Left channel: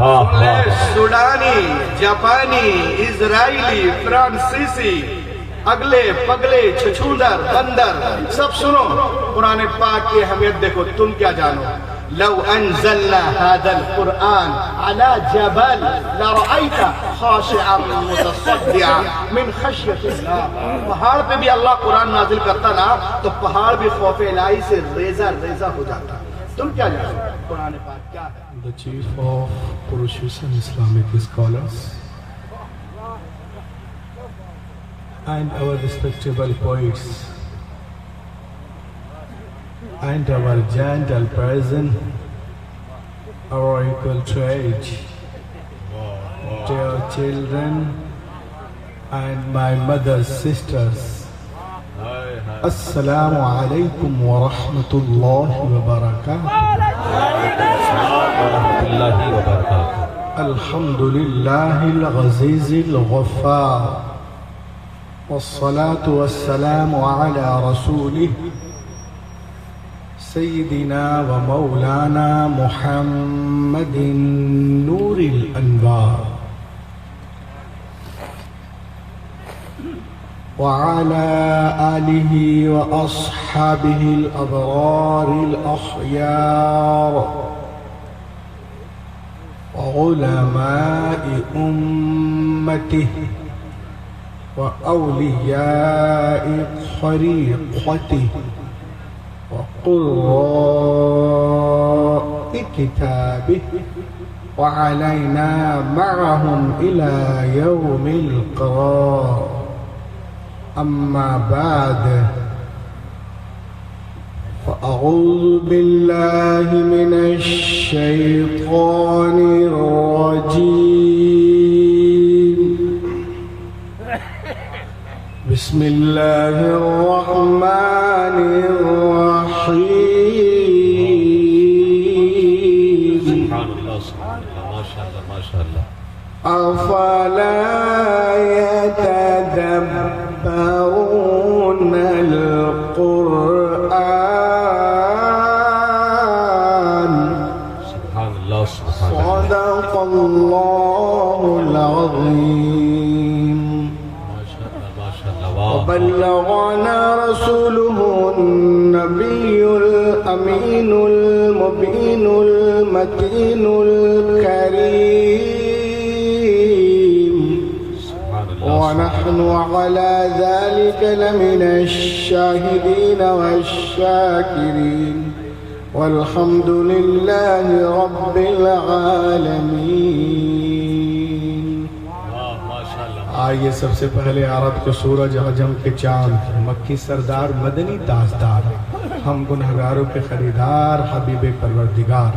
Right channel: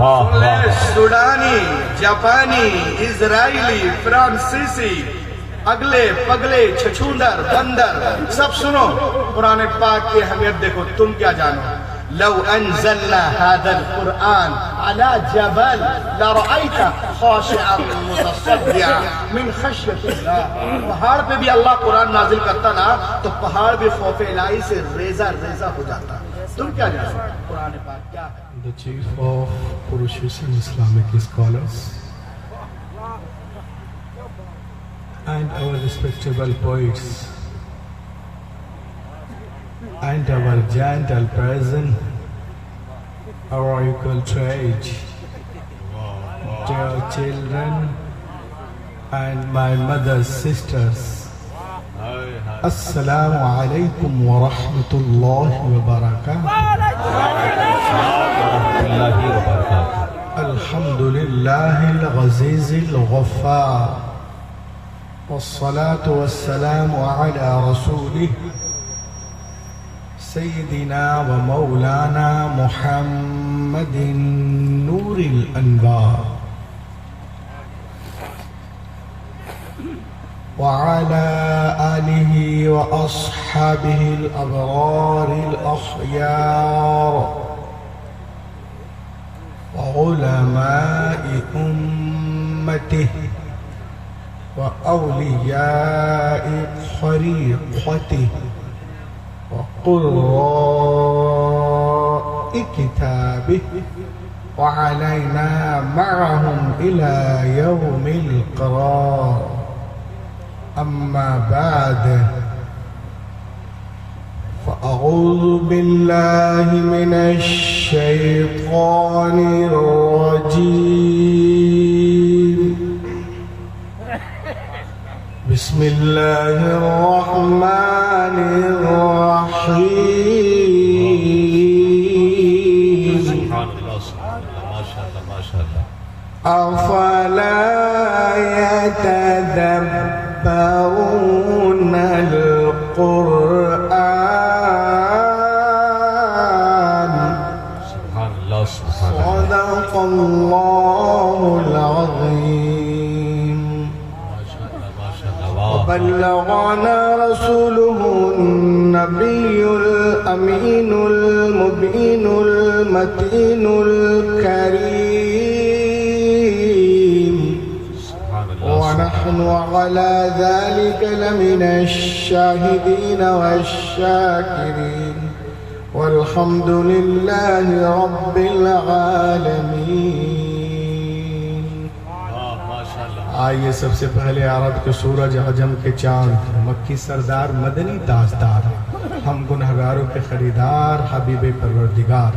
سن لے سوڈانی، جاپانی، اسرائیلی، فرانسیسی، اگلے پگلے، چھچھوندر، بندر، سب سنو قرآن پاک کی اہمیت دیکھو. تم کیا جانو؟ لو انزلنا هذا القرآن على جبل لرأيته خاشعا متصدعا من خشية الله. پہاڑ پہ بھی اللہ قرآن نازل کرتا نا تو پہاڑ بھی خوف الہی سے ریزہ ریزہ ہو جاتا. تم کیا جانو قرآن پاک کیا ہے؟ The chief of Purushoshan Islamic scholars and our respectable poets and our gentle present, our equal trade, dear children and my mother's sisters, Assalamu alaikum wa rahmatullahi wa barakatuh. Alhamdulillahi al-Ghazizi al-Ghaffar, والصلاة والسلام على رسوله سيدنا ومولانا محمد نور الأنوار وعلى آله وأصحابه الأبرار الأخيار وعلماء أمته وأولياء طريقته وقراء كتابه وعلينا معهم إلى يوم القرار. أما بعد فأعوذ بالله من الشيطان الرجيم. بسم الله الرحمن الرحيم. سبحان اللہ، سبحان اللہ، ماشاء اللہ، ماشاء اللہ. أفلا يتدبرون القرآن. سبحان اللہ، سبحان اللہ. صدق الله العظيم. وبلغنا رسوله النبي الأمين المبين المتين الكريم. ونحن على ذلك لمن الشاهدين والشاكرين والحمد لله رب العالمين. آئیے سب سے پہلے عرب کے سورج، عجم کے چاند، مکی سردار، مدنی تاجدار، ہم گنہگاروں کے خریدار، حبیب پروردگار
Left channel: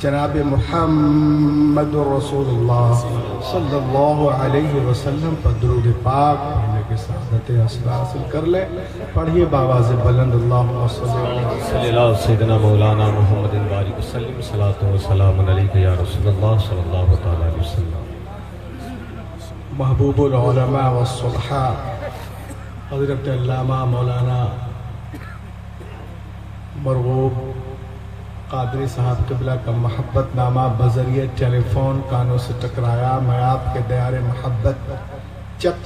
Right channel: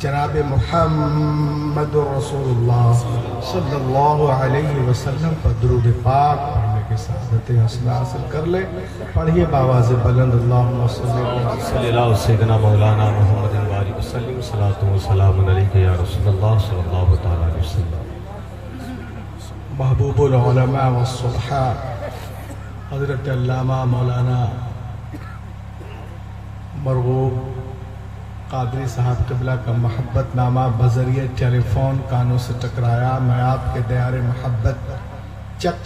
جناب محمد رسول اللہ صلی اللہ علیہ وسلم پر درود پاک پڑھنے کے سعادت اصلا حاصل کر لے. پڑھیے باواز بلند اللہم صلی اللہ سیدنا مولانا محمد وآلہ وسلم. صلاۃ و سلام علیک یا رسول اللہ صلی اللہ علیہ وسلم. محبوب العلماء والصلحاء حضرت علامہ مولانا مرغوب قادری صاحب قبلہ کا محبت نامہ بذریعہ ٹیلی فون کانوں سے ٹکرایا. میں آپ کے دیار محبت چک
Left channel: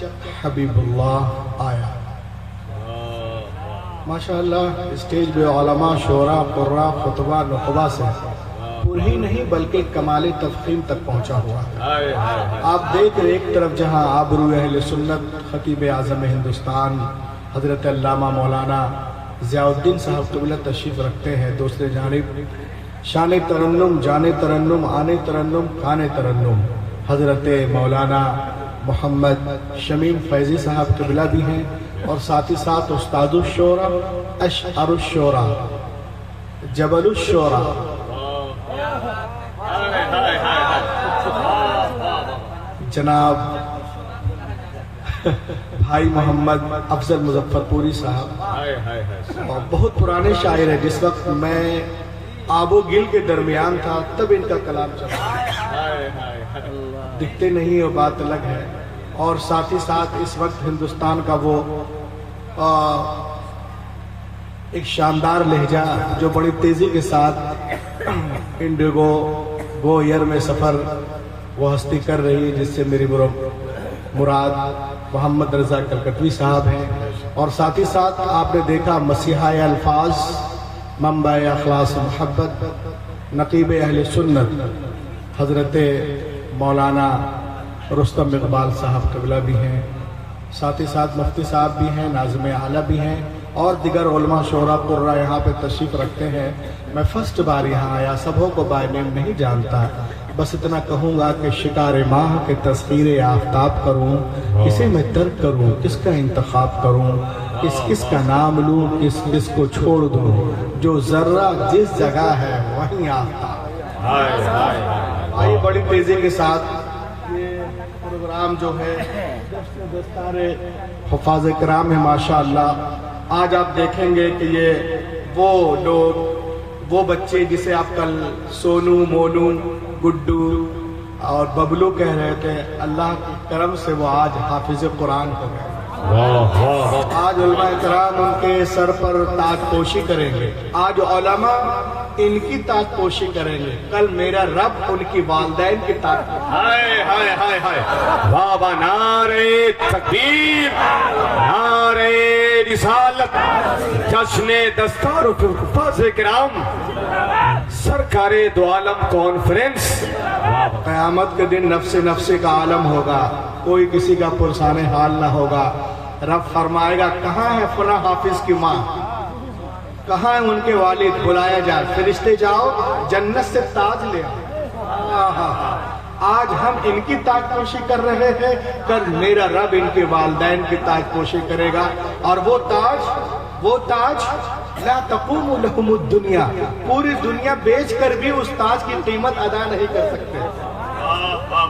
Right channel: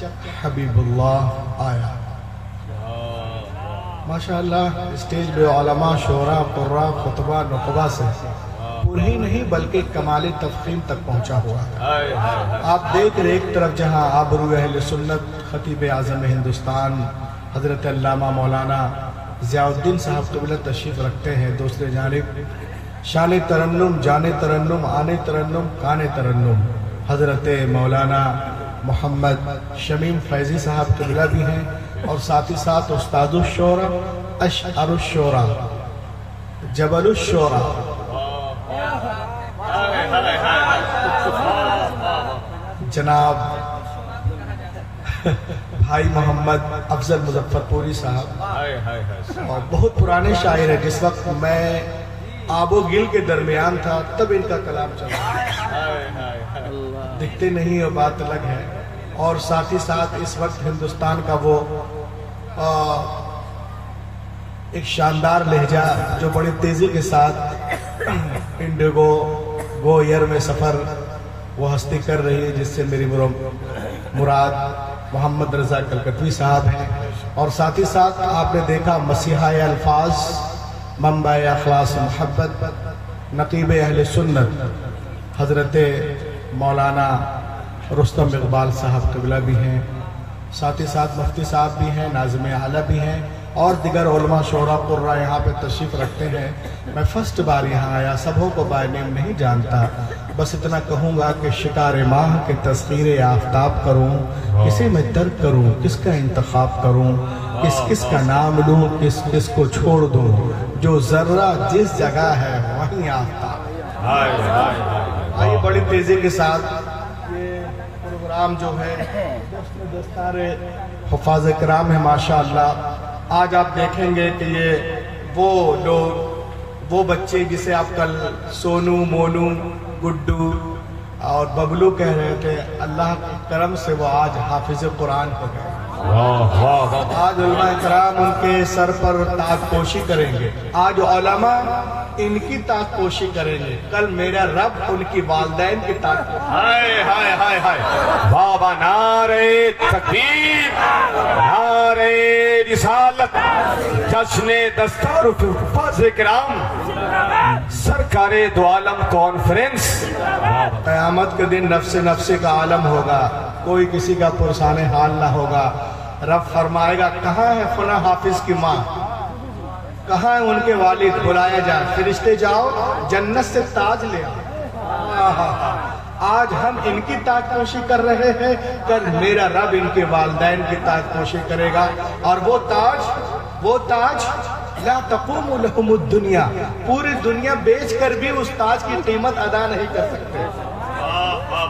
حبیب اللہ آیا. ماشاءاللہ اسٹیج پہ علماء، شعراء، قراء، خطبہ، نقبہ سے پور ہی نہیں بلکہ کمال تفخیم تک پہنچا ہوا ہے. آپ دیکھ رہے ایک طرف جہاں آبرو اہل سنت خطیب اعظم ہندوستان حضرت علامہ مولانا ضیاء الدین صاحب قبلہ تشریف رکھتے ہیں، دوسرے جانب شان ترنم، جان ترنم، آنے ترنم، کان ترنم حضرت مولانا محمد شمیم فیضی صاحب قبلہ بھی ہیں، اور ساتھ ہی ساتھ استاد الشعراء، اشعر الشعراء، جبل الشعراء جناب بھائی محمد افضل مظفر پوری صاحب، اور بہت پرانے شاعر ہیں. جس وقت میں آب و گل کے درمیان تھا تب ان کا کلام چلا، دکھتے نہیں اور بات الگ ہے. اور ساتھ ہی ساتھ اس وقت ہندوستان کا وہ ایک شاندار لہجہ جو بڑی تیزی کے ساتھ انڈیگو گو ایئر میں سفر वो हस्ती कर रही है जिससे मेरी मुराद मोहम्मद रजा कलकतवी साहब हैं। और साथ ही साथ आपने देखा मसीहा अल्फाज, मंबा अखलास मोहब्बत, नकीब अहले सुन्नत हजरत मौलाना रुस्तम इकबाल साहब क़िबला भी हैं, साथ ही साथ मुफ्ती साहब भी हैं, नाज़िम आला भी हैं और दिगर उलमा शोरा कुर्रा यहाँ पे तशरीफ़ रखते हैं। मैं फर्स्ट बार यहाँ आया, सबों को बाय नेम नहीं जानता, बस इतना कहूँगा कि शिकार माह के तस्वीर आफ्ताब करूँ, किसे मैं तर्क करूँ, किसका इंतखाब करूँ, किस का नाम लूँ, किस को छोड़ दूँ, जो ज़र्रा जिस जगह है वहीं आफ्ताब। आइए बड़ी तेज़ी के साथ ये प्रोग्राम जो है दस्तारे हुफ़ाज़ किराम है माशाअल्लाह। आज आप देखेंगे कि ये वो लोग, वो बच्चे जिसे आप कल सोनू, मोनू, गुड्डू और बबलू कह रहे थे, अल्लाह के करम से वो आज हाफिज कुरान हो गए। आज उलमा किराम उनके सर पर ताजपोशी करेंगे, आज उलमा इनकी ताजपोशी करेंगे, कल मेरा रब उनकी वालिदैन की ताजपोशी। हाय हाय हाय हाय, बाबा नारे तकबीर, नारे रिसालत, जश्ने दस्तार हुफ़ाज़ किराम, सरकारे दो आलम कॉन्फ्रेंस। क़यामत के दिन नफ्से नफ्से का आलम होगा, कोई किसी का पुरसाने हाल ना होगा। रब फरमाएगा कहाँ है फला हाफिज की माँ, कहाँ है उनके वालिद, बुलाए जाए, फरिश्ते जाओ जन्नत से ताज ले आओ। आज हम इनकी ताजपोशी कर रहे हैं, कल मेरा रब इनके वालिदैन की ताजपोशी करेगा। और वो ताज ला तक़ूमु लहुमुद दुनिया, पूरी दुनिया बेच कर भी उस ताज की कीमत अदा नहीं कर सकते।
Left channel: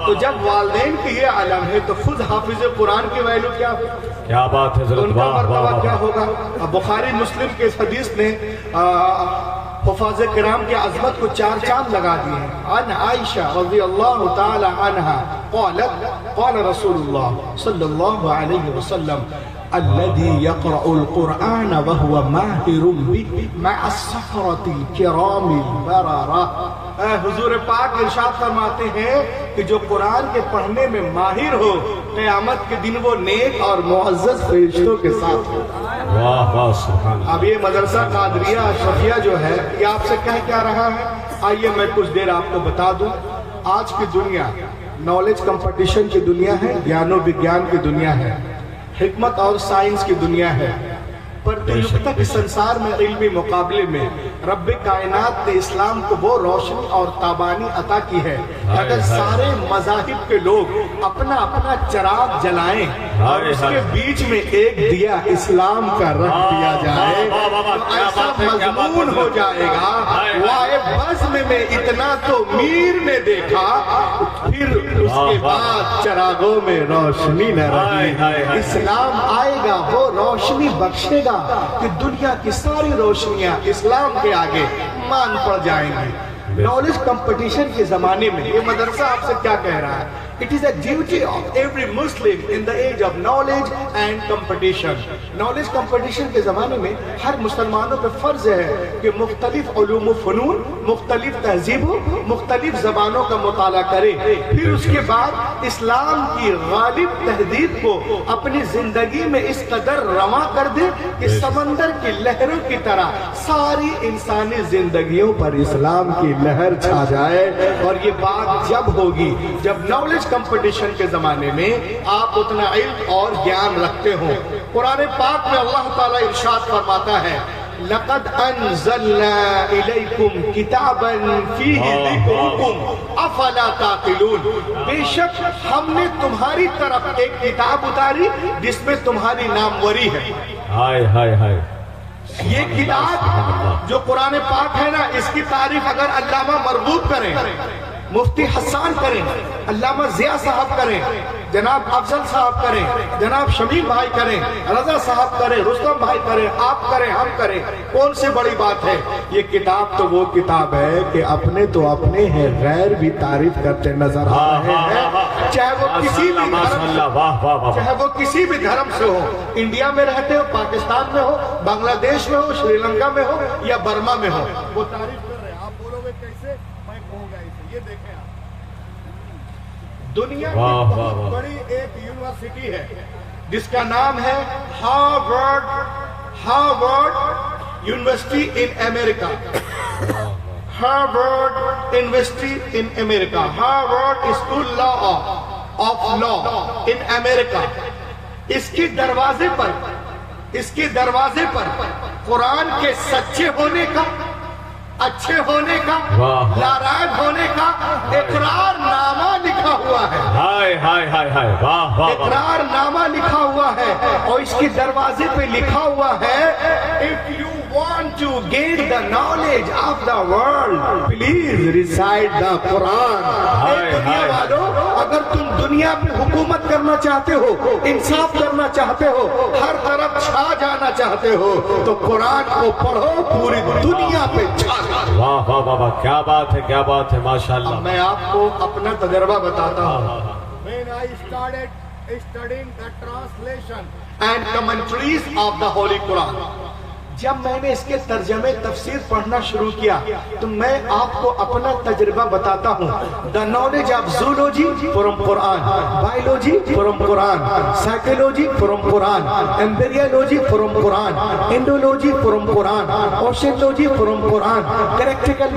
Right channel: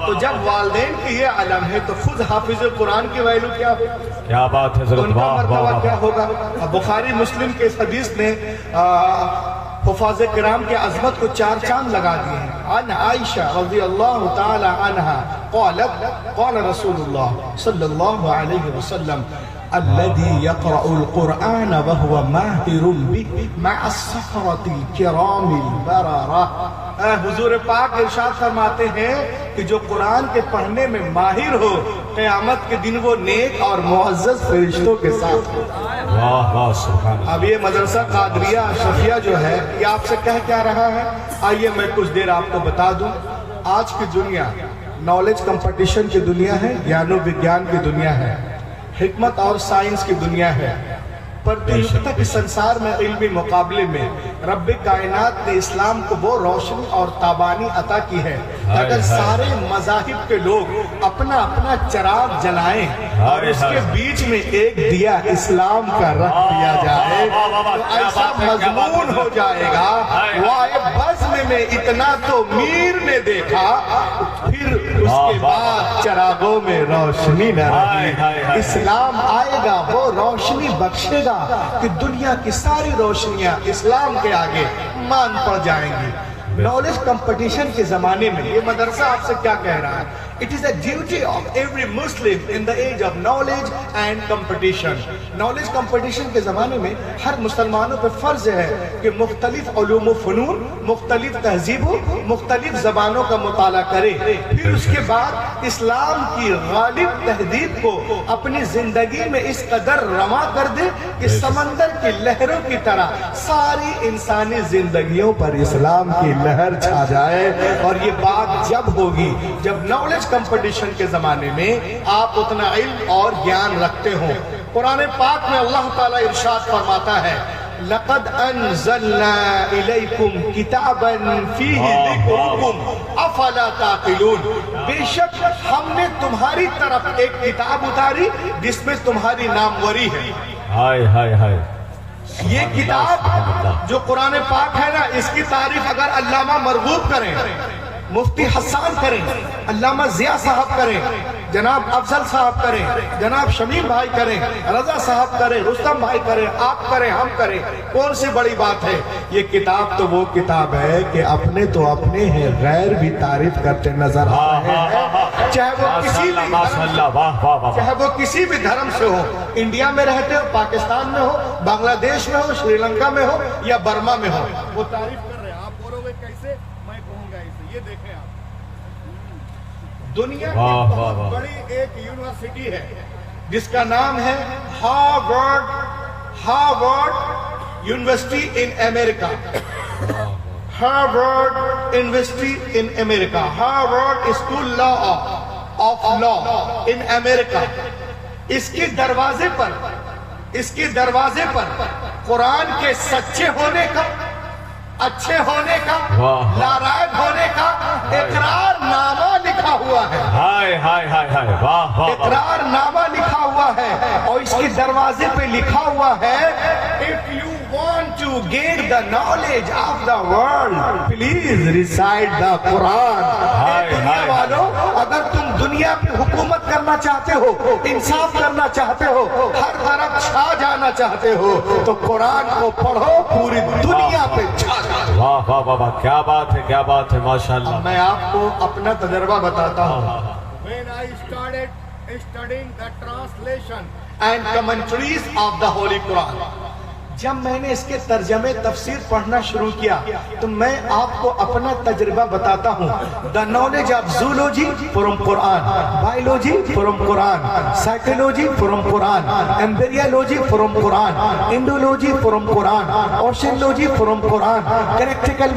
तो जब वालिदैन की ये आलम है तो खुद हाफिज कुरान की वैल्यू क्या हो, क्या बात है, उनका मर्तबा क्या होगा। अब बुखारी मुस्लिम के इस हदीस ने हुफ़ाज़ किराम के अज़मत को चार चांद लगा दिए हैं। अन आयशा रज़ियल्लाहु तआला अन्हा क़ालत क़ाल रसूलुल्लाह सल्लल्लाहु अलैहि वसल्लम अल्लज़ी यक़रअुल क़ुरआन व हुवा माहिरुन बिही मअ अस्सफ़रतिल किरामिल बररा। हुजूर पाक इरशाद फरमाते हैं कि जो कुरान के पढ़ने में माहिर हो, क़यामत के दिन वो नेक और मुअज़्ज़ज़ फरिश्तों के साथ हो। वाह वाह सुभान। अब ये मदरसा कादरिया अशरफिया जो है ये आपसे कह क्या रहा है, आइए मैं कुछ देर आपको बता दूं। आज की दुनिया नॉलेज कंपटीशन की दुनिया है, ज्ञानो विज्ञान की दुनिया है, हिकमत और साइंस की दुनिया है। प्रतियोगिता के संसार में इल्मी मुकाबले में रब्बे कायनात ने इस्लाम को वो रोशनी और ताबानी अता की है, अगर सारे मज़ाहिब के लोग अपना अपना चिराग जलाएं और उसके बीच में एक दिया इस्लाम का रख दिया जाए तो ऐसा मजमून हो जाएगा। वाए बज़्म में इतना तो मीर ने देखा, फिर उसके बाद चिरागों में रोशनी न रही। इस्लाम आएगा, वो रोशनी बख्शेगा कि दुनिया की सारी रोशनियां इस्लाम के आगे मान पड़ जाएंगी। नॉलेज कंपटीशन के जमाने में ये मदरसा आपसे क्या कह रहा है, it is a duty of every Muslim in the age of knowledge and competition. Knowledge competition के जमाने में हर मुसलमानों पे फर्ज है कि मुख्तलिफ उलूम व फनून, मुख्तलिफ तहजीबों, मुख्तलिफ जबानों का मुताला करे, फिर उसके बाद इस्लाम की गालिब तहदीद को अपनी जिंदगी में इस कदर रवा कर दे कि समंदर की लहरों की तरह सारी इंसानी जिंदगियों पर इस्लाम की लहर छा जाए। और ये बात जब होगी जब नॉलेज कंपटीशन के जमाने में आप उतना इल्म और ज्ञान रखते हो। कुरान पाक में अल्लाह ताला इरशाद फरमाता है, लक़द अनज़लना इलैकुम किताबन फीही ज़िक्रुकुम अफ़ला ताक़िलून। बेशक हमने तुम्हारी तरफ एक किताब उतारी जिसमें तुम्हारी नामवरी है। हाय हाय हाय, ये किताब जो कुरान पाक है ना, इसकी तारीफ अगर अल्लामा मरगूब करें, मुफ्ती हसन करें, अल्लामा जिया साहब करें, जनाब अफजल साहब करें, जनाब शमीम भाई करें, रजा साहब करें, रुस्तम भाई करें, आप करें, हम करें, कौन सी बड़ी बात है। ये किताब तो वो किताब है कि अपने तो अपने हैं, गैर भी तारीफ करते नजर आ रहे हैं। चाहे वो किसी भी माशाअल्लाह, वाह वाह वाह, चाहे वो किसी भी धर्म से हो, इंडिया में रहते हो, पाकिस्तान में हो, बांग्लादेश में हो, श्रीलंका में हो या बर्मा में हो, वो तारीफ कर रहे हैं। आप बोलोगे कैसे, मैं कहूँगा ऐसे। ये देखें आप, दुनिया की वाह, वाह, बहुत वाह। बड़ी एक यूनिवर्सिटी है जिसका नाम है Harvard university in America. Harvard university in America, Harvard school of law in America. इसके दरवाजे पर कुरान के सच्चे होने का, अच्छे होने का, वाह। नारायण होने का इकरारनामा लिखा हुआ है। हाय हाय हाय हाय, वाह वाह वाह। इकरारनामा लिखा हुआ है और इसके दरवाजे पे लिखा हुआ है, if you want to gain the knowledge of the world please recite the Quran. हाय, हाय। वालों, अगर तुम दुनिया पे हुकूमत करना चाहते हो, इंसाफ करना चाहते हो, हर तरफ छा जाना चाहते हो, तो कुरान को पढ़ो, पूरी दुनिया पे छा जाओ। वाह वाह वाह वाह, क्या बात है, क्या बात है, माशाल्लाह। मैं आपको अपना तजर्बा बताता हूँ। When I started studying the translation, and commentaries of the Holy Quran, जब मैंने इसके तर्जमे तफसीर पढ़ना शुरू किया तो मैं आपको अपना तजर्बा बताता हूँ। The knowledge of zoology from Quran, biology from Quran, psychology from Quran, embryology from Quran, Indology from Quran, oceanology from Quran, practical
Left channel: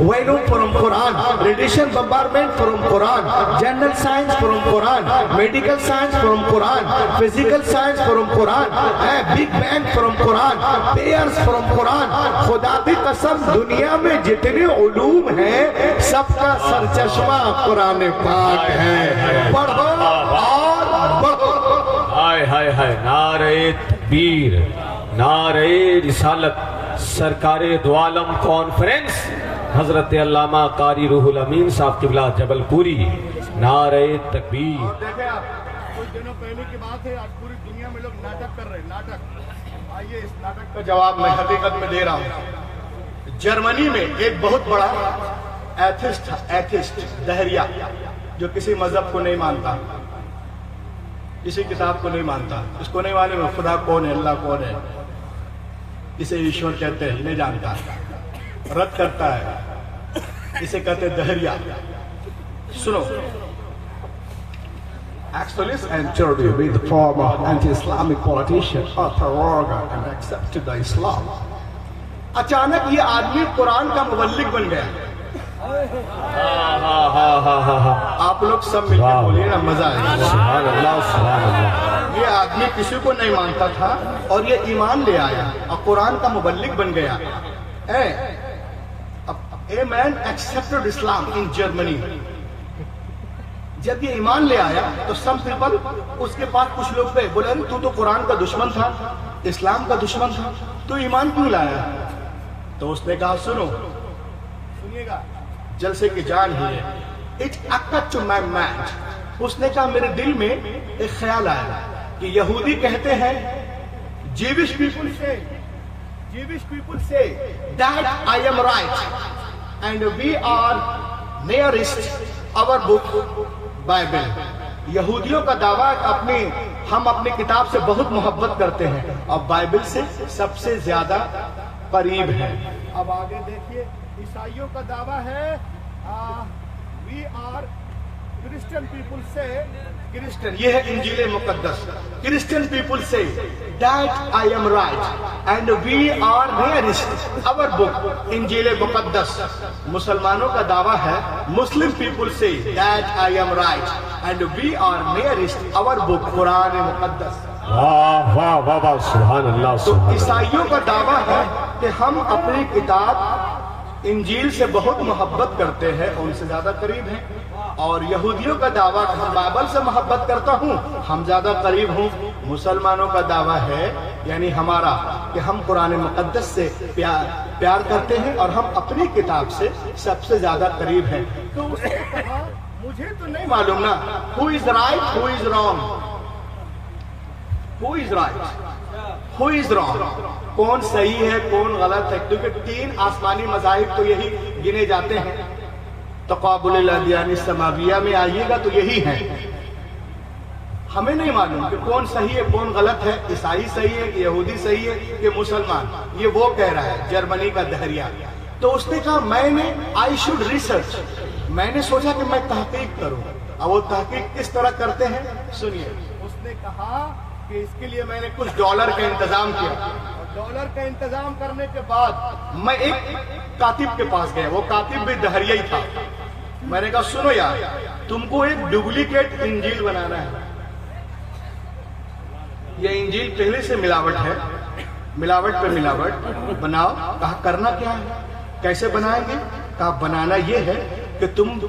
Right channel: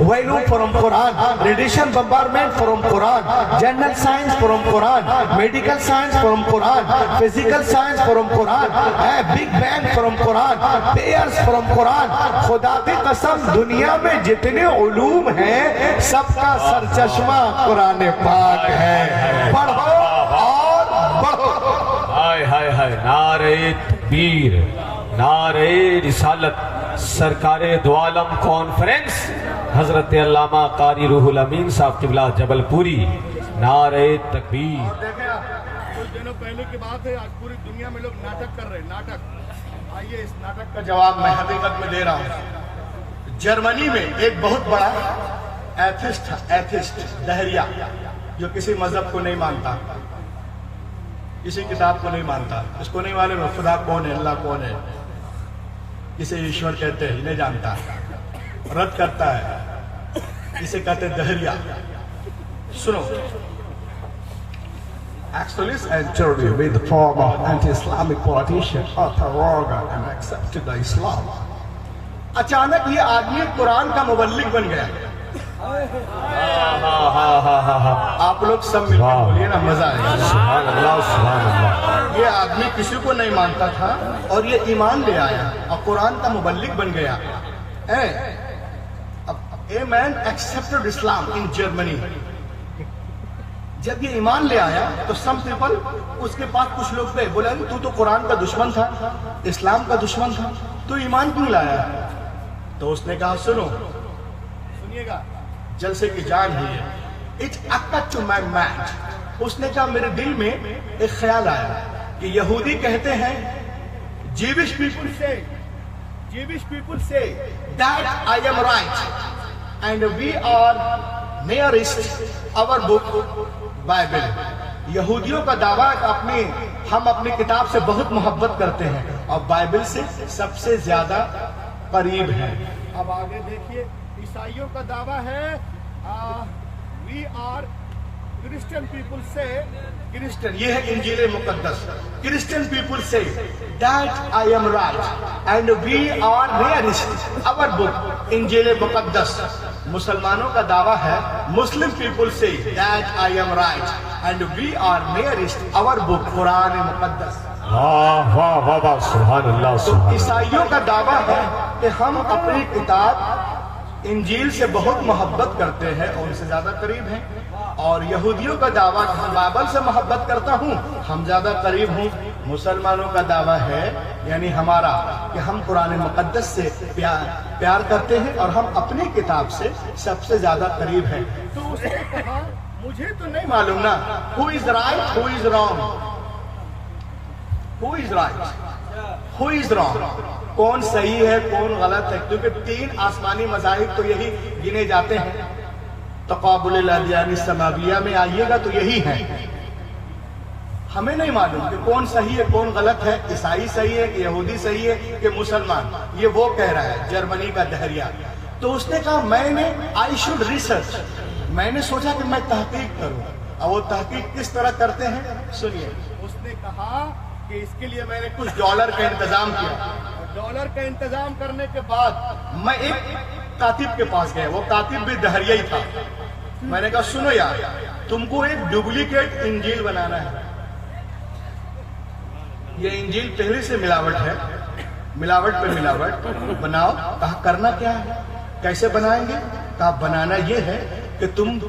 value from Quran, radiation bombardment from Quran, general science from Quran, medical science from Quran, physical science from Quran, big bang from Quran, pairs from Quran. खुदा की कसम, दुनिया में जितने उलूम हैं सबका सरचश्मा कुरान पाक है। पढ़ो और बढ़ो। हाय हाय हाय, नारे तकबीर, नारे रिसालत। सरकारे दो आलम कॉन्फ्रेंस हजरत अल्लामा कारी रूहुल अमीन साहब किबला जबलपुरी, नारे तकबीर। देखें आप, कुछ दिनों पहले की बात है, आज पूरी दुनिया में लोग नाटक कर रहे हैं, नाटक। आइए इस नाटक का जवाब मैं हकीकत में दे रहा हूँ। जर्मनी में एक बहुत बड़ा एथिस्ट दहरिया, जो किसी मजहब को नहीं मानता, किसी किताब को नहीं मानता, इसको नहीं माने में खुदा कौन है, अल्लाह कौन है, इसे ईश्वर कहते हैं, नहीं जानता, रद्द करता है, इसे कहते हैं दहरिया। सुनो, Extremists entered with the former anti-Islamic politician Arthur Roger and accepted the Islam. अचानक ये आदमी कुरान का मुबल्लिग बन गया। आप लोग सब मिलकर बोलिए ना, मजा आएगा। सुभान अल्लाह, सुभान अल्लाह। ये आदमी किसी को नहीं मानता था और ये ईमान ले आया और कुरान का मुबल्लिग बन गया। A man accepted Islam in Germany. जब ये ईमान ले आया तो सम पीपल, उसके पास कुछ लोग थे, बोले तू तो कुरान का दुश्मन था, इस्लाम का दुश्मन था, तू ईमान क्यों लाया? तो उसने कहा सुनो, सुनिएगा, जलसे की जान ही है, इट्स अकट टू माय माइंड। उसने कहा मेरे दिल में एक ख्याल आया कि यहूदी कहते हैं, जीविश पीपल से that I am right and we are nearest our book Bible. यहूदियों का दावा है हम अपनी किताब से बहुत मोहब्बत करते हैं और बाइबल से सबसे ज्यादा करीब है। अब आगे देखिए, ईसाइयों का दावा है, वी आर क्रिश्चियन पीपल से, क्रिश्चियन, ये है इंजील मुकद्दस। क्रिश्चियन पीपल से that I am right and we are nearest our book, इंजील मुकद्दस। मुसलमानों का दावा है, मुस्लिम पीपल से that I am right and we are nearest our book, कुरान मुकद्दस। वाह वाह वाह वाह, सुभान अल्लाह, तो सुभान अल्लाह। ईसाइयों का दावा है कि हम अपनी किताब इंजील से बहुत मोहब्बत करते हैं और उनसे ज्यादा करीब हैं, और यहूदियों का दावा कि हम बाइबल से मोहब्बत करता हूँ, हम ज्यादा करीब हूँ। मुसलमानों का दावा है, यानी हमारा, कि हम कुरान मुकद्दस से प्यार करते हैं और हम अपनी किताब से सबसे ज्यादा करीब हैं। तो उसने कहा मुझे तो नहीं मालूम ना, who is right who is wrong, who is right who is wrong, कौन सही है कौन गलत है, क्योंकि 3 आसमानी मज़ाहिब तो यही गिने जाते हैं। तक़ाबुल अदियान समाविया में आइएगा तो यही है। हमें नहीं मालूम कि कौन सही है कौन गलत है, ईसाई सही है कि यहूदी सही है कि मुसलमान, ये वो कह रहा है जर्मनी का दहरिया। तो उसने कहा आई शुड रिसर्च, मैंने सोचा कि मैं तहकीक करूं अब वो तहकीक किस तरह करते हैं सुनिए। उसने कहा कि इसके लिए मैंने कुछ डॉलर का इंतजाम किया। और डॉलर का इंतजाम करने के बाद मैं एक कातिब के पास गया, वो कातिब भी दहरिया ही था। मैंने कहा सुनो यार, तुमको एक डुप्लीकेट इंजील बनाना है। ये इंजील पहले से मिलावट है, मिलावट पे मिलावट बनाओ। कहा करना क्या है, कैसे बनाएंगे? कहा बनाना ये है कि तुम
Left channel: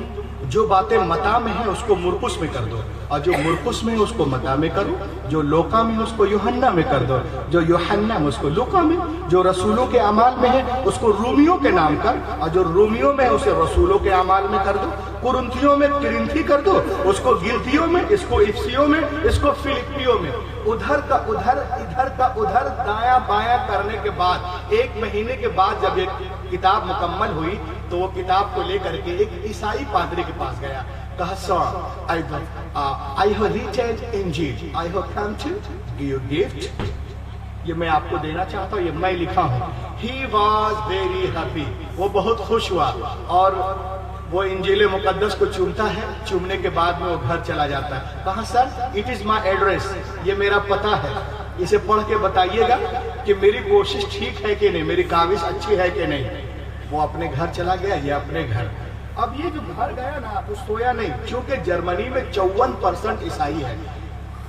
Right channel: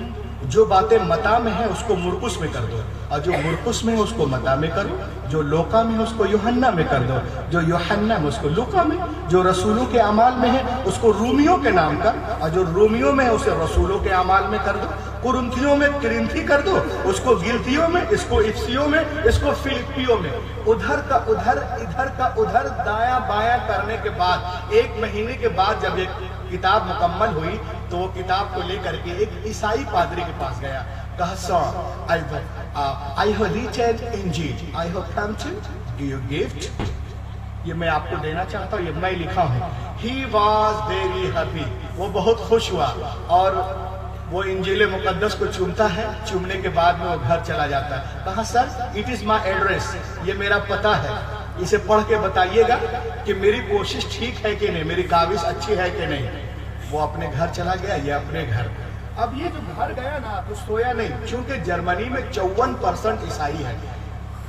जो बातें मता में है उसको मुरकुस में कर दो, और जो मुरकुस में है उसको मता में करो, जो लोका में है उसको यूहन्ना में कर दो, जो यूहन्ना में उसको लुका में, जो रसूलों के अमाल में है उसको रूमियों के नाम कर, और जो रूमियों में है उसे रसूलों के अमाल में कर दो, कुरिन्थियों में किरिन्थी कर दो, उसको गिलतियों में, इसको इफ्सियों में, इसको फिलिपियों में। उधर का उधर, इधर का उधर, दाया बाया करने के बाद 1 महीने के बाद जब एक किताब मुकम्मल हुई तो वो किताब को लेकर के एक ईसाई पादरी के पास गया। कहा सर, आई हैव रीचेड इंजील, I have come to give you gift. ये मैं आपको देना चाहता हूँ, ये मैं लिखा हूँ। ही वॉज वेरी हैप्पी, वो बहुत खुश हुआ, और वो इंजील मुकद्दस को चूमता है। चूमने के बाद में वो घर चला जाता है। कहा sir, it is my address, ये मेरा पता है, इसे पढ़ के बताइएगा कि मेरी कोशिश ठीक है कि नहीं, मेरी काविश अच्छी है कि नहीं। वो अपने घर चला गया, ये अपने घर। अब ये जो घर गया ना तो सोया नहीं, क्योंकि जर्मनी में 54% ईसाई है।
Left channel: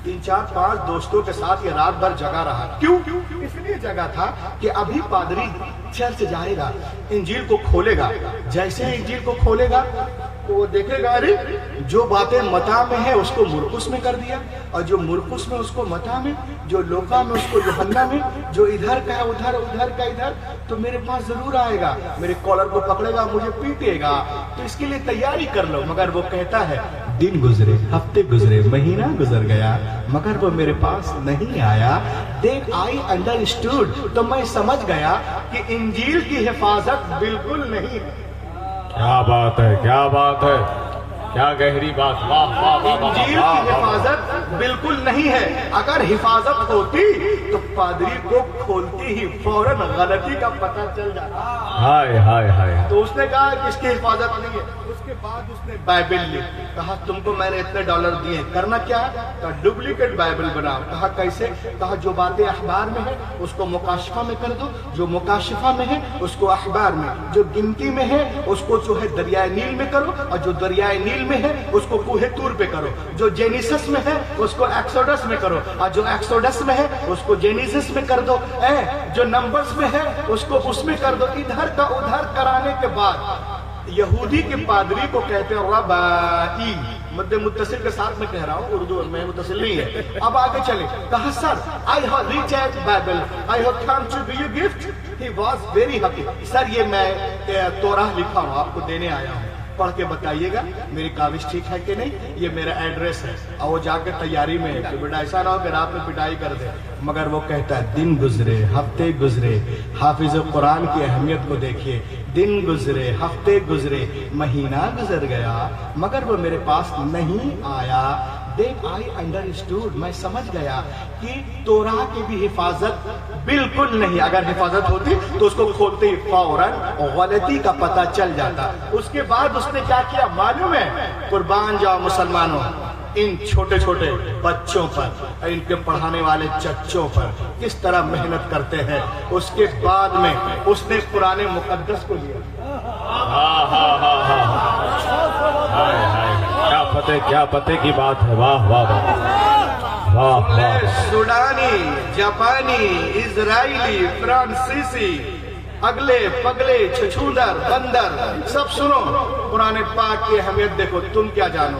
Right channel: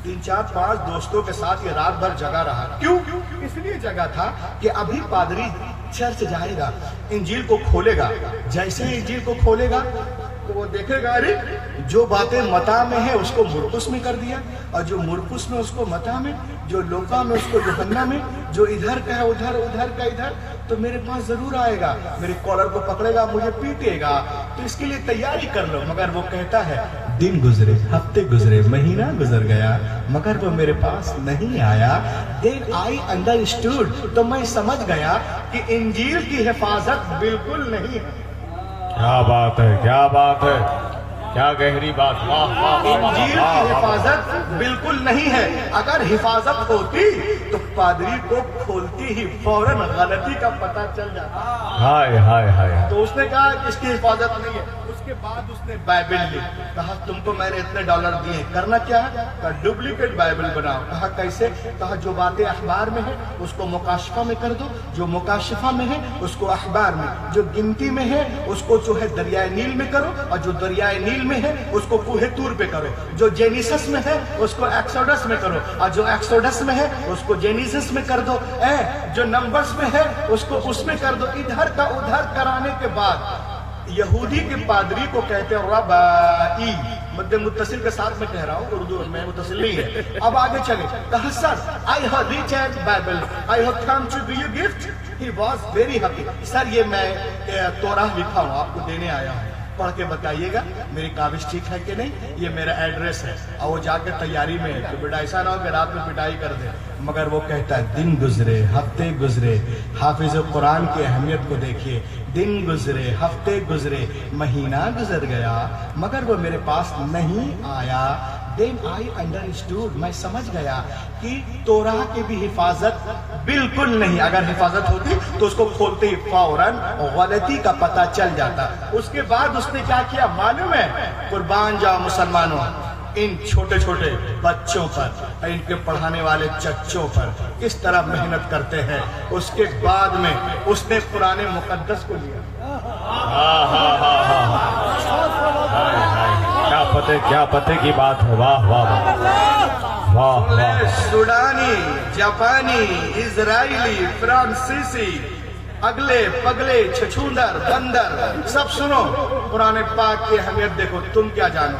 3, 4, 5 दोस्तों के साथ ये रात भर जगा रहा। क्यों? इसलिए जगा था कि अभी पादरी चर्च जाएगा, इंजील को खोलेगा। जैसे ही इंजील को खोलेगा तो वो देखेगा, अरे जो बातें मता में है उसको मुरकुस में कर दिया, और जो मुरकुस में उसको मता में, जो लोका में उसको यूहन्ना में, जो इधर का है उधर, उधर का इधर, तो मेरे पास जरूर आएगा, मेरे कॉलर को पकड़ेगा, मुझे पीटेगा, तो इसके लिए तैयारी कर लो। मगर वो कहता है, दिन गुजरे, हफ्ते गुजरे, महीना गुजर गया, मगर वो मेरे पास नहीं आया। देन आई अंडरस्टूड, तो मैं समझ गया कि इंजील की हिफाजत बिल्कुल नहीं है। क्या बात है, क्या बात है, क्या गहरी बात। वाह वाह, इंजील की हिफाजत बिल्कुल नहीं है। अगर हिफाजत होती तो पादरी को खोलती ही फौरन गलती का पता चल जाता। हाय हाय हाय। तो उसने कहा कि इसकी हिफाजत नहीं है। उसके बाद उसने बाइबल ली। कहा तुमको मैंने इतने डॉलर दिए, करना क्या है? कहा डुप्लीकेट बाइबल बनाओ। कहा कैसे? कहा जो बातें अखबार में है उसको मुकाशिफा में कर दो, जो मुकाशिफा में है उसको अखबार में, जो गिनती में है उसको जो है दरियाए नील में करो, और जो दरियाए नील में है उसको कूहे तूर पे करो, जो जेनिसस में है उसको एक्सोडस में करो, और जो एक्सोडस में है उसको जेनिसस में कर दो, जो नंबर्स में है उसको उसमें कर दो। इधर का उधर कराने के बाद यहूदी के पादरी को कहते हैं रबाई, मध्य मुत्तसिल के साथ में कह रहा हूँ, उर्दू में मुत्तसिल नहीं है। अब आगे चले। कहा sir, I have reached Bible, I have come to give you gift. He was very happy. Sir ये मैं तौराह लिखा हूँ, आपको देने आया हूँ, पढ़ के बताइएगा मेरी काविश ठीक है कि नहीं, ये मेरा एड्रेस है। और वो जाकर तैयारी में है, तो बेटा ऐसा ना हो कि रात में पिटाई कर दे। मगर वो कहता है दिन गुजरे, हफ्ते गुजरे, हाफिज कुरान की अहमियत को देखिए, दिन गुजरे, हफ्ते गुजरे, महीना गुजर गया, मगर वो मेरे पास नहीं आया। Then I understood, मैं समझ गया कि तोराह की भी हिफाजत बिल्कुल नहीं। अगर हिफाजत होती तो उसको खोलते ही फौरन गलती का पता चल जाता। उसके बाद उसने क्या किया मालूम है? कुर्बान जाओ मुसलमानों, इन छोटे छोटे बच्चों पर, इनके पढ़ाने वाले चच्चों पर किस तरह मेहनत करते हैं। उसके बाद में उसने कुरान मुकद्दस को लिया। क्या पते की बात है। वाह वाह वाह वाह। सूडानी, जापानी, इजरायली, फ्रांसीसी, अगले पगले, छछूंदर, बंदर, सब सुनो कुरान पाक की अहमियत देखो। तुम क्या जानो?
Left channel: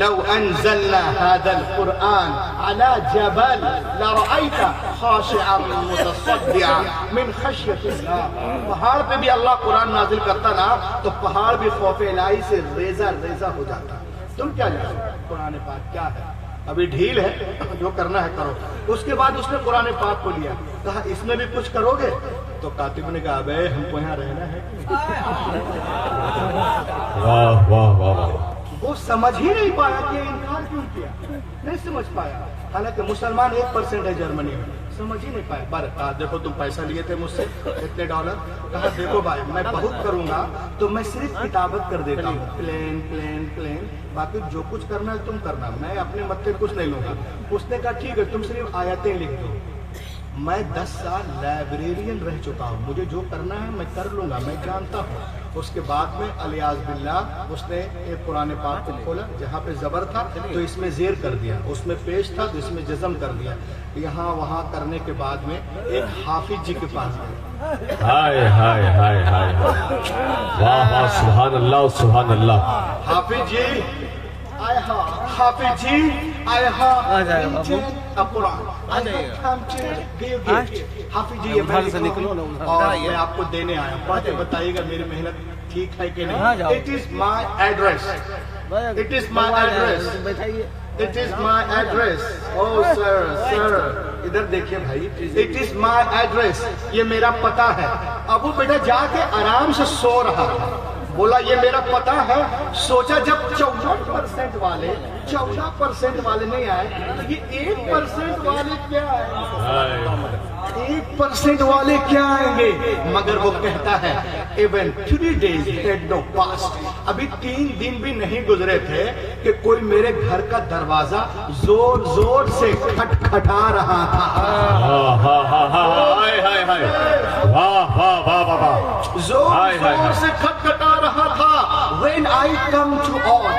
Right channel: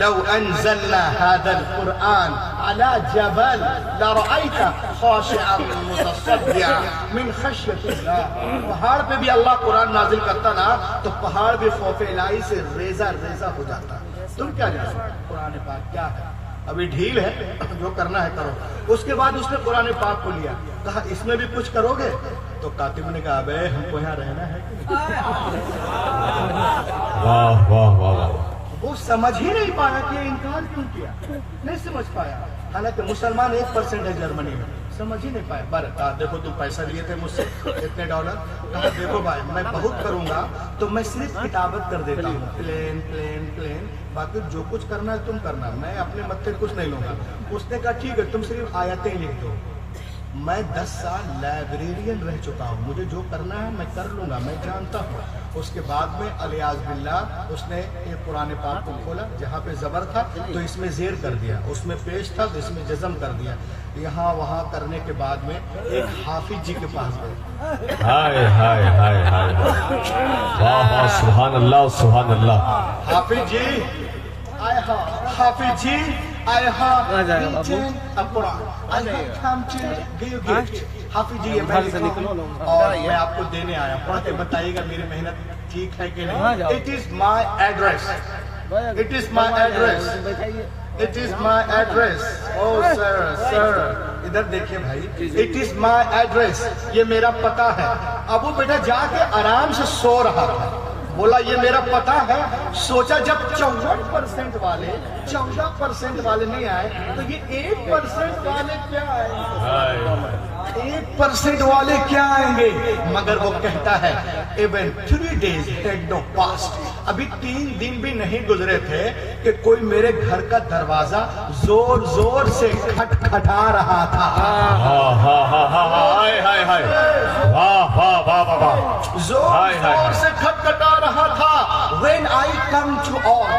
लव अंज़लना हादल कुरआन अला जबल लरअयता खाशिअन मुतसद्दिअन मिन खश्यतिल्लाह। पहाड़ पे भी अल्लाह कुरान नाजिल करता ना तो पहाड़ भी खौफ इलाही से रेजा रेजा हो जाता। तुम क्या जानो कुरान पाक क्या है? अभी ढील है, जो करना है करो। उसके बाद उसने कुरान पाक को लिया, कहा इसमें भी कुछ करोगे? तो कातिब ने कहा अबे हमको यहाँ रहना है। वाह वाह वाह। वो समझ ही नहीं पाया कि इनकार क्यों किया, नहीं समझ पाया। हालांकि मुसलमान 1% है जर्मनी में, समझ ही नहीं पाया। पर कहा देखो तुम पैसा लिए थे मुझसे इतने डॉलर। कहा देखो भाई मैं बहुत करूंगा तो मैं सिर्फ किताबत कर देता हूँ, प्लेन प्लेन प्लेन बाकी जो कुछ करना है तुम करना, मैं अपने मत से कुछ नहीं लूंगा। उसने कहा ठीक है तुम सिर्फ आयतें लिख दो। मैं 10 साल लाइब्रेरियन रह चुका हूँ, मुझे जो करना है मैं कर लूंगा, मैं जानता हूँ। उसके बाद में अलियाज बिल्लाह उसने एक कुरान पाक को खोला, जहाँ पे जबर था तो इसमें जेर कर दिया, उसमें पेश था तो इसमें जज़म कर दिया। यहाँ वहाँ करने के बाद में एक हाफिज जी के पास गए। हाय हाय हाय हाय, वाह वाह, सुभान अल्लाह सुभान अल्लाह। हाफिज जी आए, हाफिज जी आए, हाफिज जी और मैं आपको देने आया, पढ़ के बताइएगा मेरी मेहनत ठीक है कि नहीं। It is my address, it is my address, it is my address. Oh sir इधर देखिए भाई, इट इज माई एड्रेस, ये मेरा पता है। अब वो बेटा जाके आराम से सो रहा है, बोला ये मेरा पता है। सोचा जब 14% वाले 14% वाले नहीं आए तो ये 1% वाले क्या आएंगे, 1% वाले क्या आएंगे। मगर वो कहता है even 3 days had no passed, अभी 3 दिन भी नहीं गुजरे थे कि कोई मेरे घर का दरवाजा जोर जोर से खटखटा रहा था। जोर जोर से खटखटा रहा था। When I come to out,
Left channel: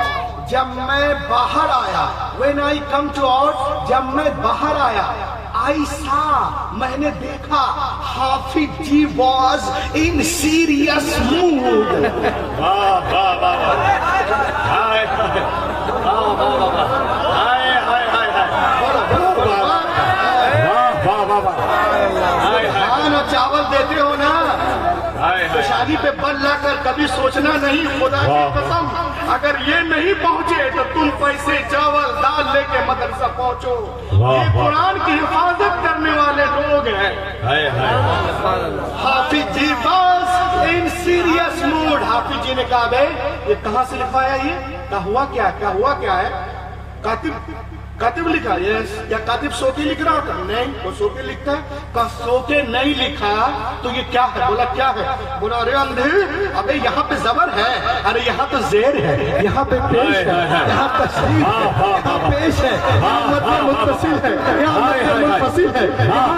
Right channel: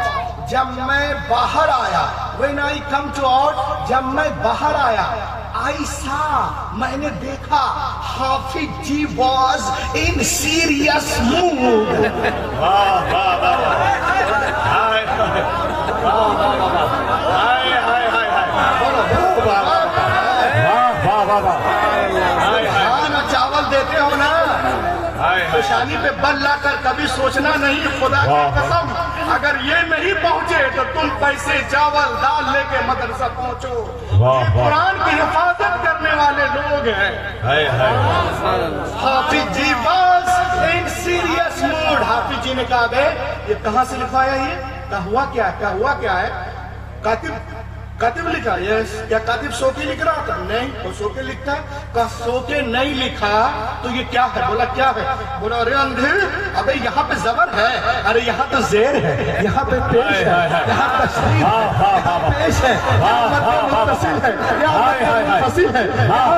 जब मैं बाहर आया, When I come to out, जब मैं बाहर आया, I saw, मैंने देखा, हाफिज जी was in serious mood। चावल देते हो ना, शादी पे बल लाकर कभी सोचना नहीं, खुदा की कसम अगर ये नहीं पहुंचे तो तुम पैसे चावल दाल लेके मदरसा पहुंचो। ये कुरान की हिफाजत करने वाले लोग हैं। हाफिज जी बस इन सीरियस मूड। हाफिज जी ने कहा बे ये कहाँ से लिखवाया, ये क्या हुआ, क्या हुआ, क्या है। कातिब लिखा, यस। क्या कातिब सो के लिख रहा होता? नहीं, वो सो के लिखता है। कहा सो के नहीं लिखा तो ये क्या है? बोला क्या है? बोला अरे अंधे, अबे यहाँ पे जबर है, अरे यहाँ पे जेर है, यहाँ पे पेश है, यहाँ पे शरीफ है, यहाँ पेश है, यहाँ मध्य मुत्तसिल है, यहाँ मध्य मुनफसिल है, यहाँ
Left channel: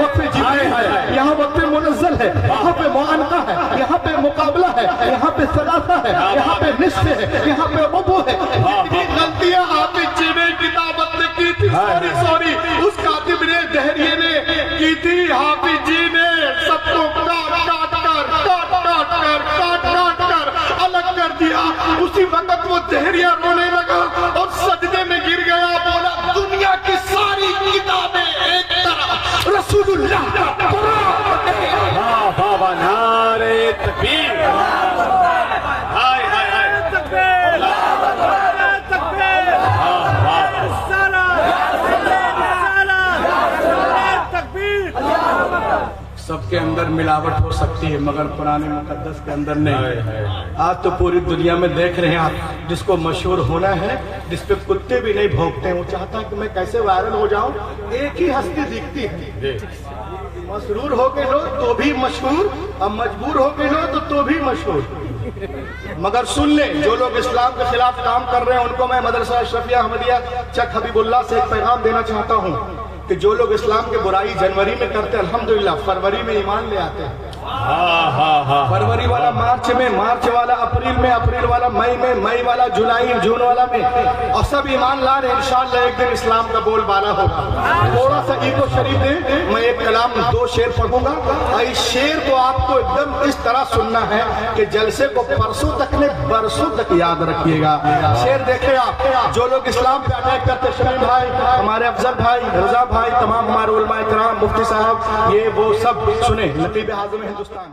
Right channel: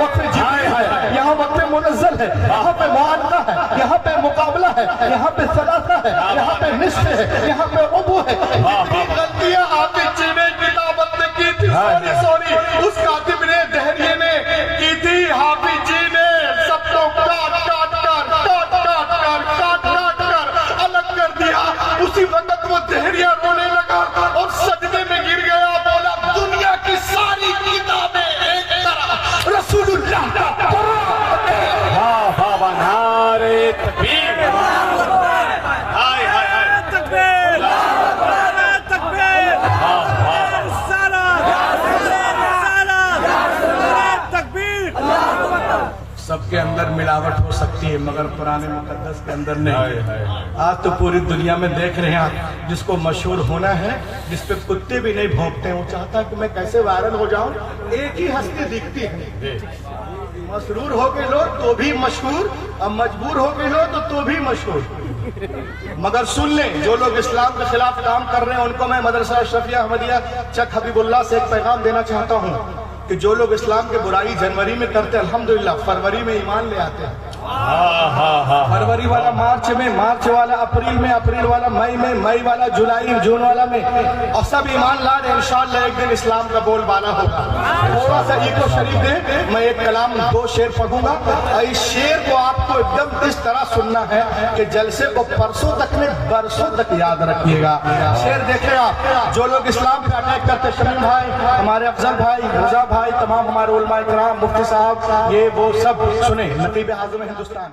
वक्फ जिक्री है, यहाँ वक्फ मुनज़्ज़ल है, यहाँ पे मुआनका है, यहाँ पे मुकाबला है, यहाँ पे सलासा है, यहाँ पे निस्फ़ है, यहाँ पे वुदू है। इतनी गलतियाँ हाफिज जी ने किताबत ने की थी, सॉरी उस कातिब ने, दहरिये ने की थी। हाफिज जी ने सबको काट कर अलग कर दिया। उसी वक्त वो दहरिया रोने लगा और सजदे में गिर गया। बोला दुनिया की सारी किताबें एक तरफ, रसूलुल्लाह का कुरान है। बाबा नारे तकबीर, हाय हाय हाय तकबीर, सबके अंदर मिलावट हो सकती है मगर पुराने मुकद्दस के अंदर नहीं। आज तो पूरी दुनिया में देख रहे हैं आप, जिसको मशहूर होना है, जिस पे कुत्ते भी नहीं भौंकते हैं, वो चाहता कि मैं कैसे वायरल हो जाऊं। एक ही हस्ती दिखती है, मसरूर हो गए लोग तो भी मशहूर, अब मजबूर हो गए लोग तो भी मशहूर। मगर सुन लें, जो लोग इस्लाम के खिलाफ काम कर रहे हैं उनको मैं मदरसा अशरफिया अहमदिया चक हबीबुल्लाह से एक पैगाम देना चाहता हूँ कि जो लोग इस्लाम के बुराई जनवरी में करते हैं, अल्हम्दुलिल्लाह फरवरी में ईमान ले आते हैं। फरवरी वाला मार्च में, मार्च वाला अप्रैल में, अप्रैल वाला मई में, मई वाला जुलाई, जून वाला में, और सब ईमान ला रहे। इंशाअल्लाह एक दिन इस्लाम का बोलबाला होगा। थोड़ा सा ईगो शरीफ है, मैं एक कलाम 2 शेर पढ़ूंगा और इस शेर को आपको एकदम इस तरह सुनना है कि जलसे को परसों तक ने बरसों तक याद रखिएगा। शेर देखे आप, जो लोग इस्लाम पे अटैक करते, शमीम भाई, हमारे अफजल भाई, रजा भाई, तमाम हमारे उलमा इकराम, मुफ्ती साहब, ये वो सब सुने, नकीब आज़म हिंदुस्तान।